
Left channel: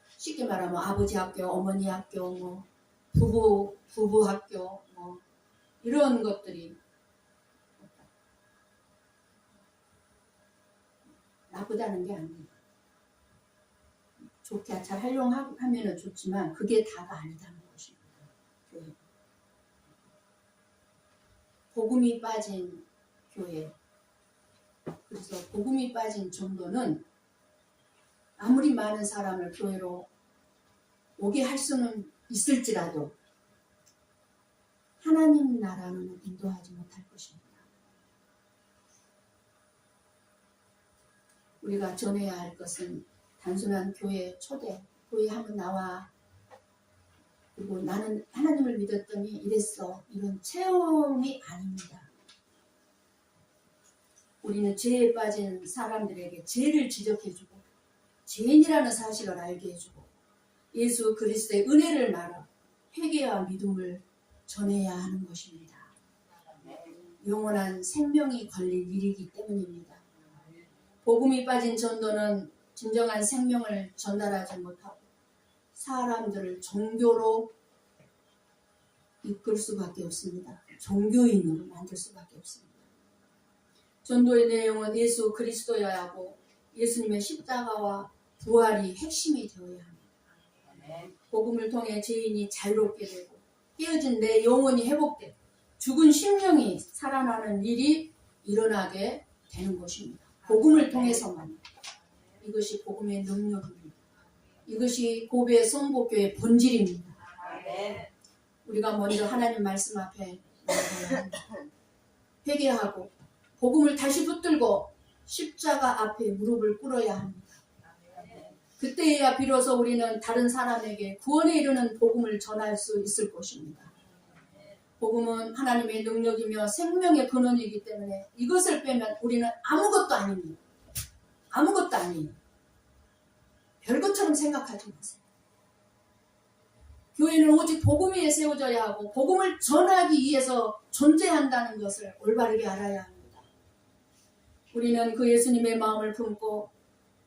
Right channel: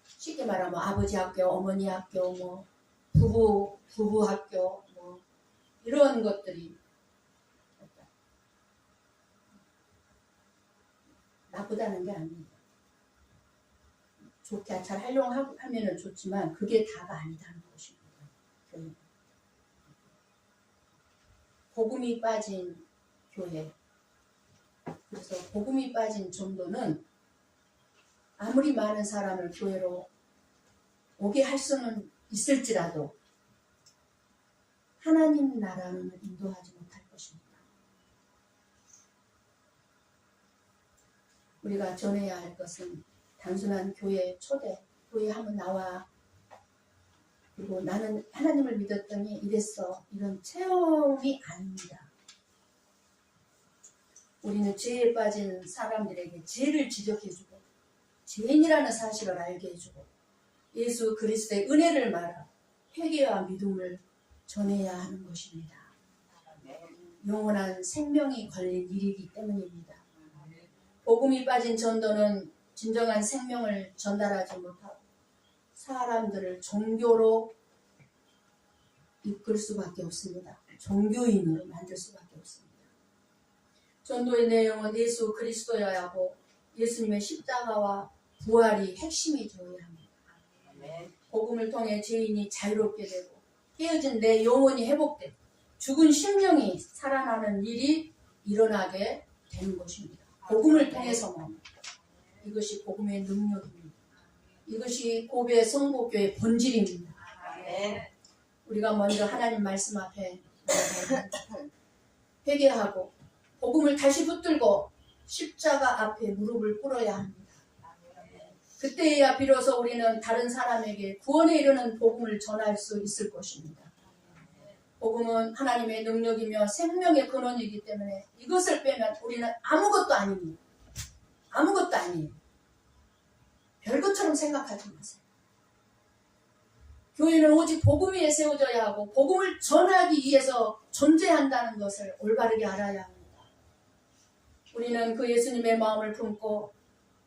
쉽게 말하면 아버지 학교, 어머니 학교, 부부 학교 이런 것들이 나쁘다는 게 아닙니다. 좋게 잘 활용하면 좋지만 그게 다가 아니다는 것입니다. 교회. 복음이 빠진 교회. 그래서 복음이 빠진 전도는 아무리 많은 사람을 교회로 오게 할 수는 있을지라도 하나님 나라는 인도하지 못할 것입니다. 우리가 전해야 할 것은 단순한 교회 초대, 교회 하면 나와, 그리고 나는 하나님을 믿었더니 이랬어, 이런 체험이 아닙니다. 우리는 죄에 빠진 사람들에게 죄를 지적해주고 죄인이라는 사실을 알게 해주고 예수 그리스도의 은혜를 말하 회개와 믿음을 전해야 하는 것입니다. 영원한 생명이 걸린 일이기 때문입니다. 복음이 빠진 전도는 진정한 생명을 전달하지 못하고 사람들을 종교로 이끌 수밖에 없습니다. 종교인으로 만들 수밖에 없습니다. 전도의 내용은 예수 그리스도여야 하고 예수님의 십자가와 부활이 핵심이 되어야 합니다. 복음을 통해 죄인이 자유롭게 되고 깨어진 내 영혼이 회복되고 죽은 심령이 살아나는 일이 일어나게 되는 것입니다. 복음을 통해서만. 이것이 복음의 능력입니다. 이것이 고베 성복교의 본질입니다. 우리가 먼저 하나님 말씀 앞에 회개하고 복음을 다시 붙들고 십자가 앞에 무릎을 꿇어야 합니다. 그때야 비로소 우리는 다른 사람에게 구원에 이르는 복음을 전할 수 있을 것입니다. 복음은 하나님의 능력이며 생명의 근원이기 때문에 이것을 빼면 우리는 아무것도 아닙니다. 아무것도 아니에요. 별것처럼 생각하지 마세요. 교회는 오직 복음 위에 세워져야 하고 복음을 전하기 위해서 존재한다는 것을 올바르게 알아야 합니다. 우리는 그 예수님의 마음을 품고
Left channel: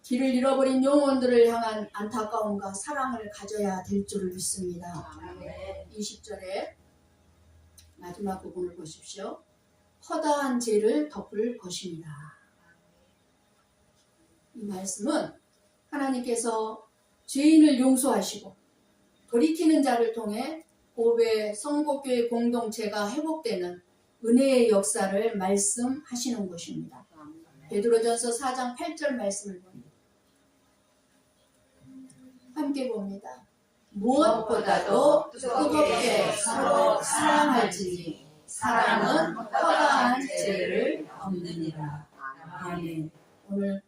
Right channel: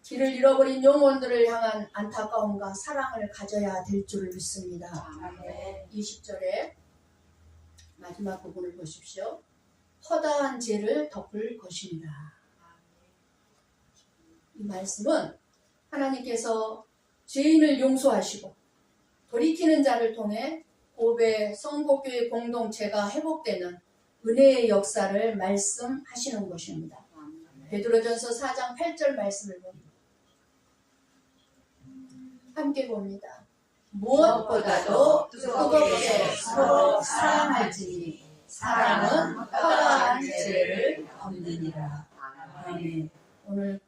길을 잃어버린 영혼들을 향한 안타까움과 사랑을 가져야 될 줄을 믿습니다. 아멘. 20절에 마지막 부분을 보십시오. 허다한 죄를 덮을 것입니다. 이 말씀은 하나님께서 죄인을 용서하시고 돌이키는 자를 통해 고베 성복교회 공동체가 회복되는 은혜의 역사를 말씀하시는 것입니다. 베드로전서 4장 8절 말씀을 봅니다. 함께 봅니다. 무엇보다도 뜨겁게 서로 사랑할지니 사랑은 허다한 죄를 덮느니라. 아멘. 오늘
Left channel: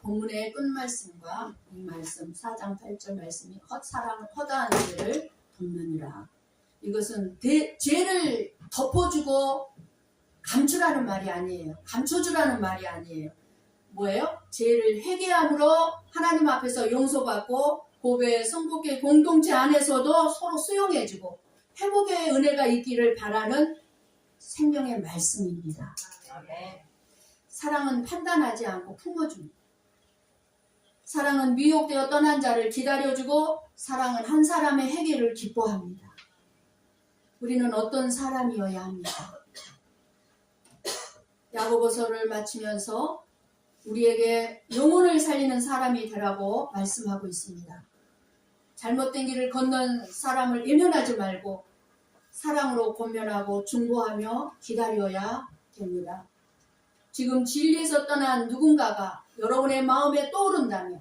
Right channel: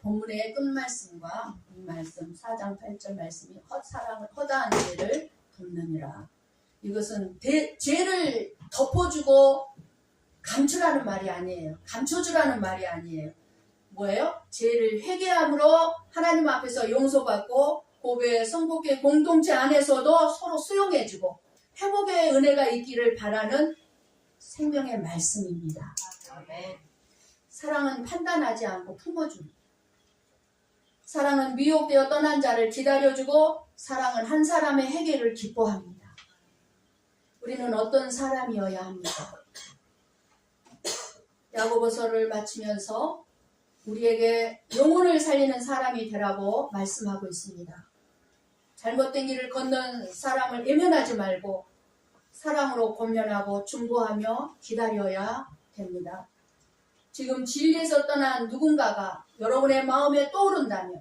본문의 끝말씀과 이 말씀 4장 8절 말씀이 허다한 죄를 덮느니라. 이것은 죄를 덮어주고 감추라는 말이 아니에요. 감춰주라는 말이 아니에요. 뭐예요? 죄를 회개함으로 하나님 앞에서 용서받고 고베 성복교회 공동체 안에서도 서로 수용해주고 회복의 은혜가 있기를 바라는 생명의 말씀입니다. 아멘. 사랑은 판단하지 않고 품어줍니다. 사랑은 미혹되어 떠난 자를 기다려주고 사랑은 한 사람의 회개를 기뻐합니다. 우리는 어떤 사람이어야 합니까? 야고보서를 마치면서 우리에게 영혼을 살리는 사람이 되라고 말씀하고 있습니다. 잘못된 길을 걷는 사람을 외면하지 말고 사랑으로 권면하고 중보하며 기다려야 됩니다. 지금 진리에서 떠난 누군가가 여러분의 마음에 떠오른다면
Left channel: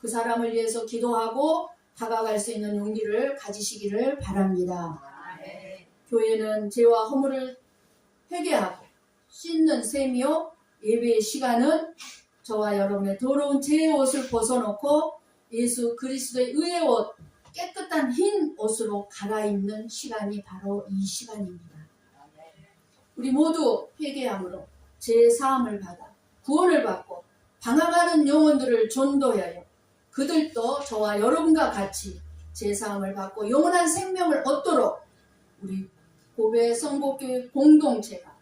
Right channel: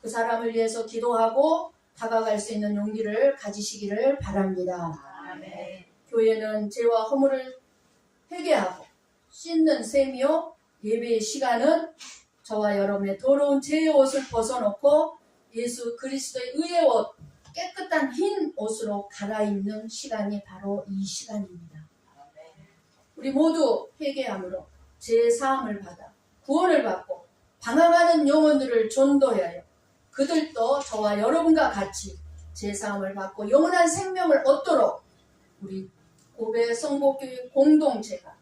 그 사람을 위해서 기도하고 다가갈 수 있는 용기를 가지시기를 바랍니다. 아멘. 교회는 죄와 허물을 회개하고 씻는 셈이요 예배의 시간은 저와 여러분의 더러운 죄의 옷을 벗어놓고 예수 그리스도의 의의 옷 깨끗한 흰 옷으로 갈아입는 시간이 바로 이 시간입니다. 우리 모두 회개함으로 죄 사함을 받아 구원을 받고 방황하는 영혼들을 전도하여 그들도 저와 여러분과 같이 죄 사함을 받고 영원한 생명을 얻도록 우리 고베 성복교회 공동체가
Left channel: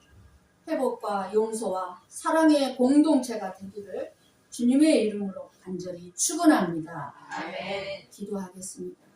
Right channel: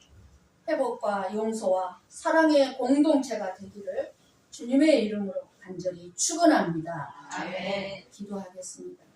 회복과 용서와 사랑의 공동체가 되기를 주님의 이름으로 간절히 축원합니다. 아멘. 기도하겠습니다.